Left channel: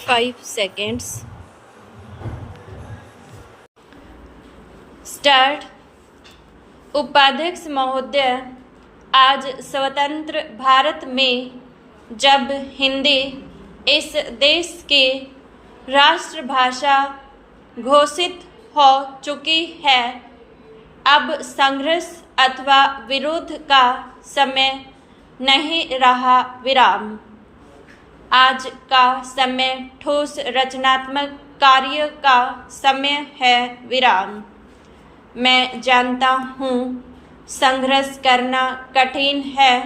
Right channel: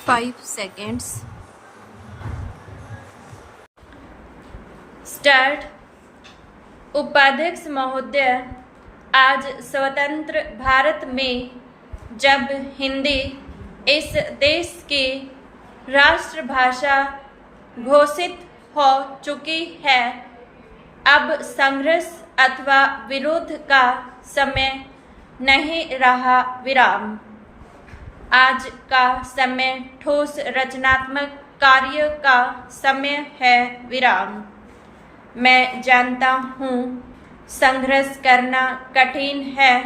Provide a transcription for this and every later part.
5 seconds. Start. उपाध्यक्ष महोदय, आज स्वतंत्र भारत में जब हिंदी इस देश की राष्ट्रभाषा घोषित हो चुकी है, अब संघर्ष अथवा विरोध का समय नहीं रहा विराम। आज का समय ठोस रचनात्मक कार्य का समय है विराम। मैं जानता हूँ संघर्ष करना कठिन है,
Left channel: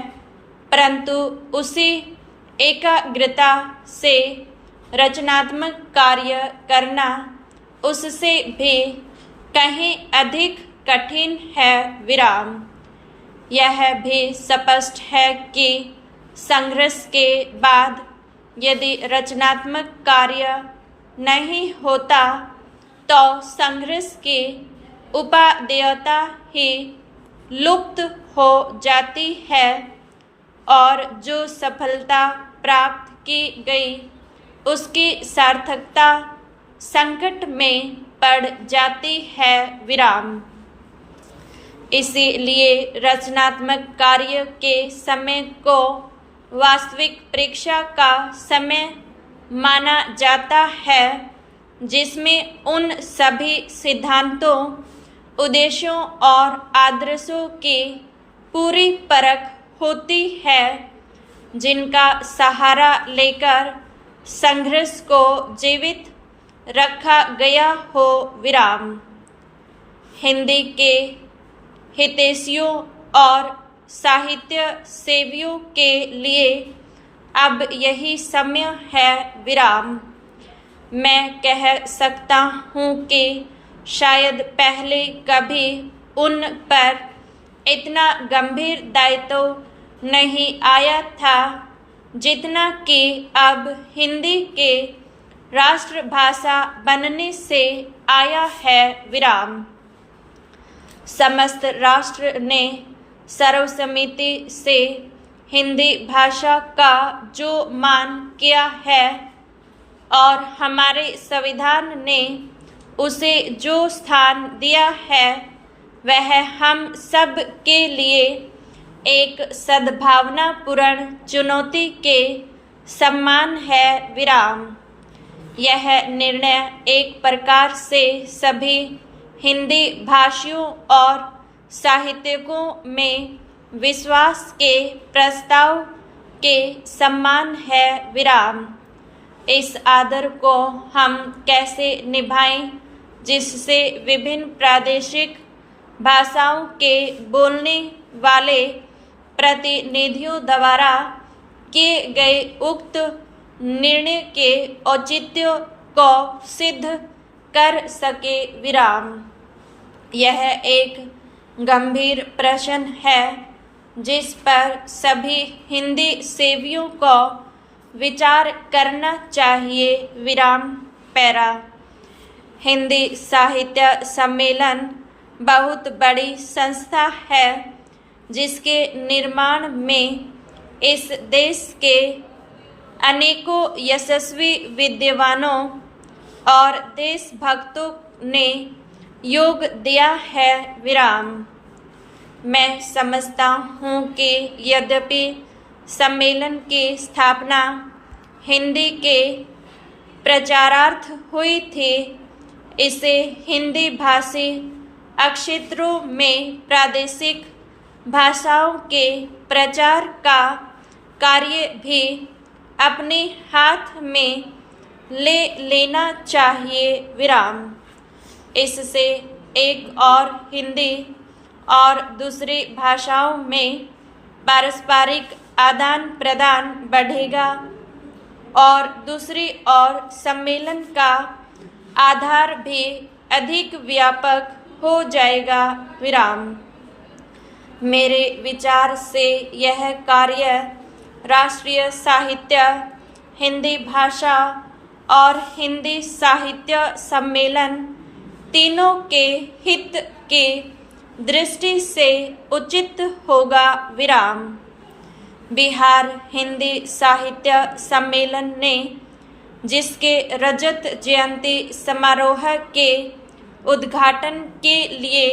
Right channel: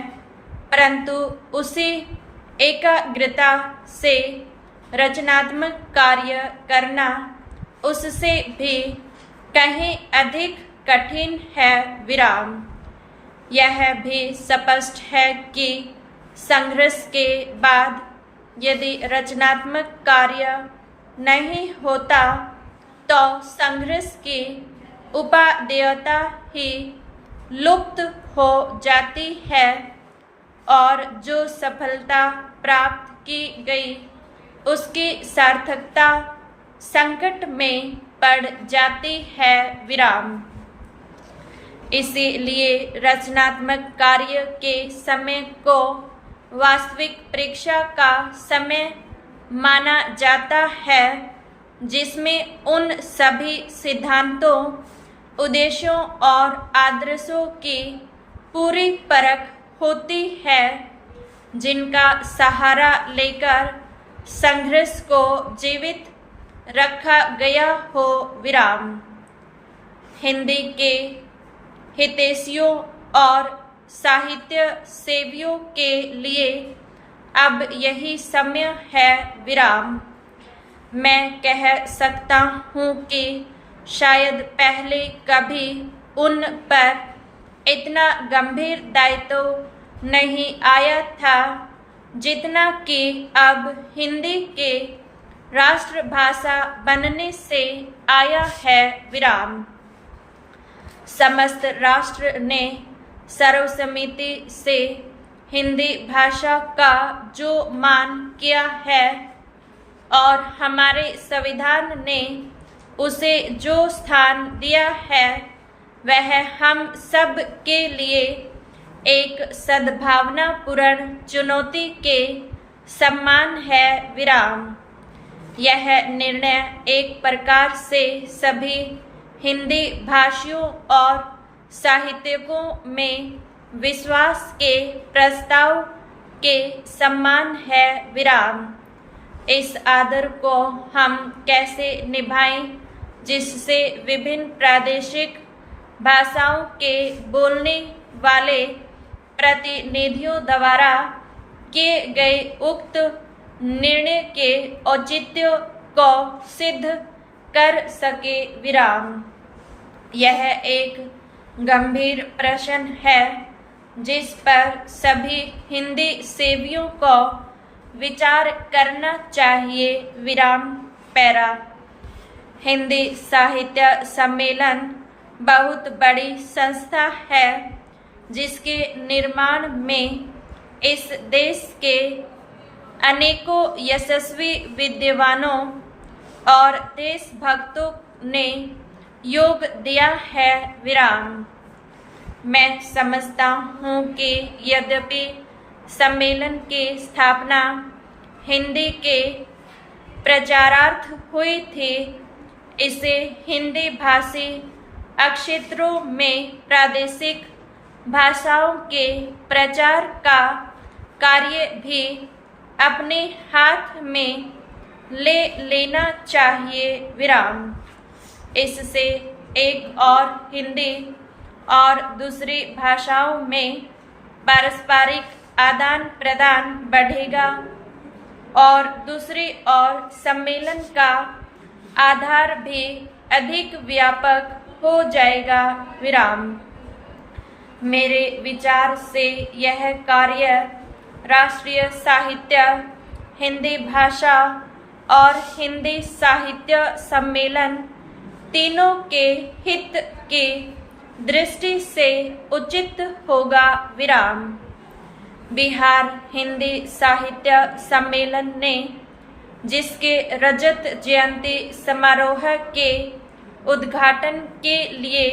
परंतु उसी एकाग्रता से रचनात्मक कार्य करना उससे भी कहीं अधिक कठिन है विराम। यह भी स्पष्ट है कि संघर्ष के बाद यदि रचनात्मक कार्य नहीं होता तो संघर्ष की उपादेयता ही लुप्त हो जाती है और जो सफलता प्राप्त की गई उसकी सार्थकता संकट में पड़ जाती है विराम। इसीलिए रचनात्मक कार्य के समय को वास्तविक परीक्षा का समय माना जाता है, जिसमें उन सभी सिद्धांतों, उद्देश्यों और आदर्शों की पूरी परख होती है जिनका सहारा लेकर संघर्ष को जीवित रखा गया हो विराम। हिंदी के हितैषियों और साहित्य सेवियों के लिए अब यही समय है विराम। मैं कह सकता हूँ कि शायद पहले कभी उन पर इतना गंभीर दायित्व नहीं आया था जितना कि अब हिंदी के राष्ट्रभाषा बनने से आया है विराम। समस्त राष्ट्र ने सर्वसम्मति से हिंदी भाषा का जो मान किया है और हमारे संविधान ने उसे जो स्थान दिया है, वह हम सब के लिए एक सद्भावनापूर्ण चुनौती के समान है विराम। यह निर्णय एक प्रकार से सभी हिंदी भाषियों और साहित्यकों में विश्वास के प्रस्ताव के समान है विराम। इस आदर को हम कैसे निभाएं जिससे विभिन्न प्रादेशिक भाषाओं के बोलने वाले प्रतिनिधियों द्वारा किए गए उक्त निर्णय के औचित्य को सिद्ध कर सके विराम। यह एक गंभीर प्रश्न है जिस पर सभी हिंदी सेवियों को विचार करना चाहिए विराम। पैरा। हिंदी साहित्य सम्मेलन बहुत बड़ी संस्था है जिसके निर्माण में इस देश के अनेकों यशस्वी विद्वानों और देशभक्तों ने योग दिया है विराम। मैं समझता हूँ कि यद्यपि सम्मेलन की स्थापना हिंदी के प्रचारार्थ हुई थी, इसे हिंदी भाषी क्षेत्रों में प्रादेशिक भाषाओं के प्रचार का कार्य भी अपने हाथ में ले लेना चाहिए विराम। इससे एक और हिंदी और दूसरी भाषाओं में पारस्परिक आदान प्रदान बढ़ेगा और दूसरी ओर सम्मेलन का आधार भी अधिक व्यापक हो जाएगा विराम। मेरे विचार से यह कार्य राष्ट्रीय साहित्य, हिंदी भाषा और हिंदी साहित्य सम्मेलन तीनों के हित की दृष्टि से उचित होगा विराम। बिहार हिंदी साहित्य सम्मेलन ने जिसके रजत जयंती समारोह के उद्घाटन के लिए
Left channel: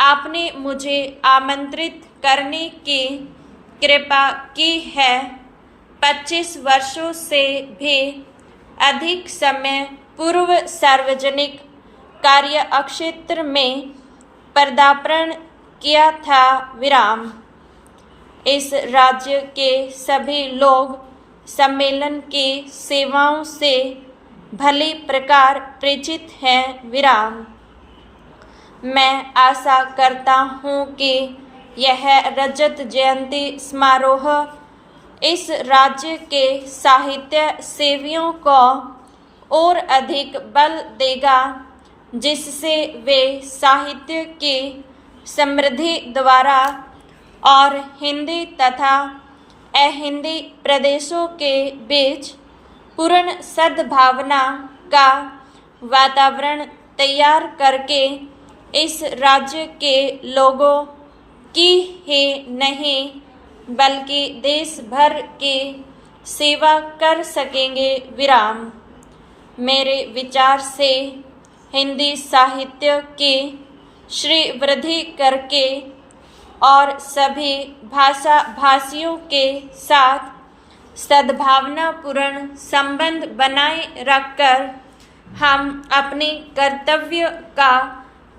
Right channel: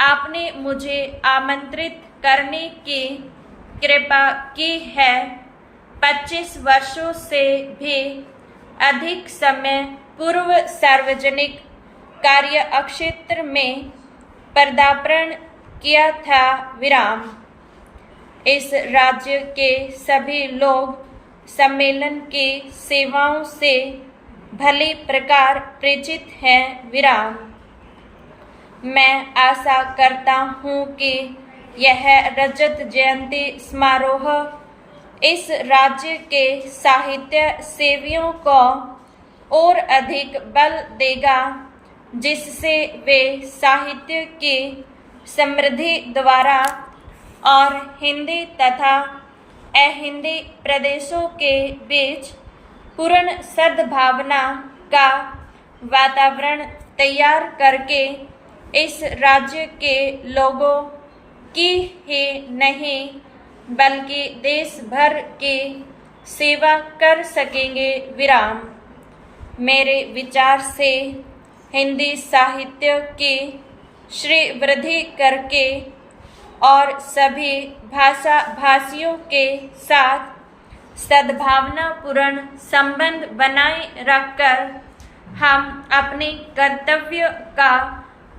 आपने मुझे आमंत्रित करने की कृपा की है, 25 वर्षों से भी अधिक समय पूर्व सार्वजनिक कार्य क्षेत्र में पदार्पण किया था। विराम। इस राज्य के सभी लोग सम्मेलन की सेवाओं से भली प्रकार परिचित हैं। विराम। मैं आशा करता हूँ कि यह रजत जयंती समारोह इस राज्य के साहित्य सेवियों को और अधिक बल देगा, जिससे वे साहित्य की समृद्धि द्वारा और हिंदी तथा अहिंदी प्रदेशों के बीच पूर्ण सद्भावना का वातावरण तैयार करके इस राज्य के लोगों की ही नहीं बल्कि देश भर की सेवा कर सकेंगे। विराम। मेरे विचार से हिंदी साहित्य की श्री वृद्धि करके और सभी भाषा भाषियों के साथ सद्भावनापूर्ण संबंध बनाए रखकर हम अपने कर्तव्य का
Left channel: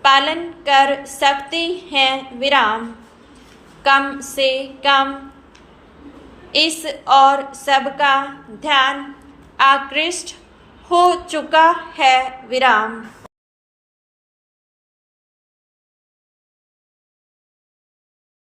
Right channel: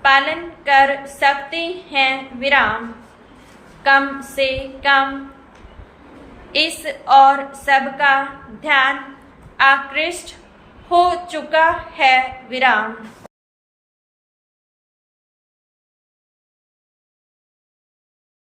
पालन कर सकते हैं। विराम। कम से कम इस और सबका ध्यान आकृष्ट हो चुका है। विराम।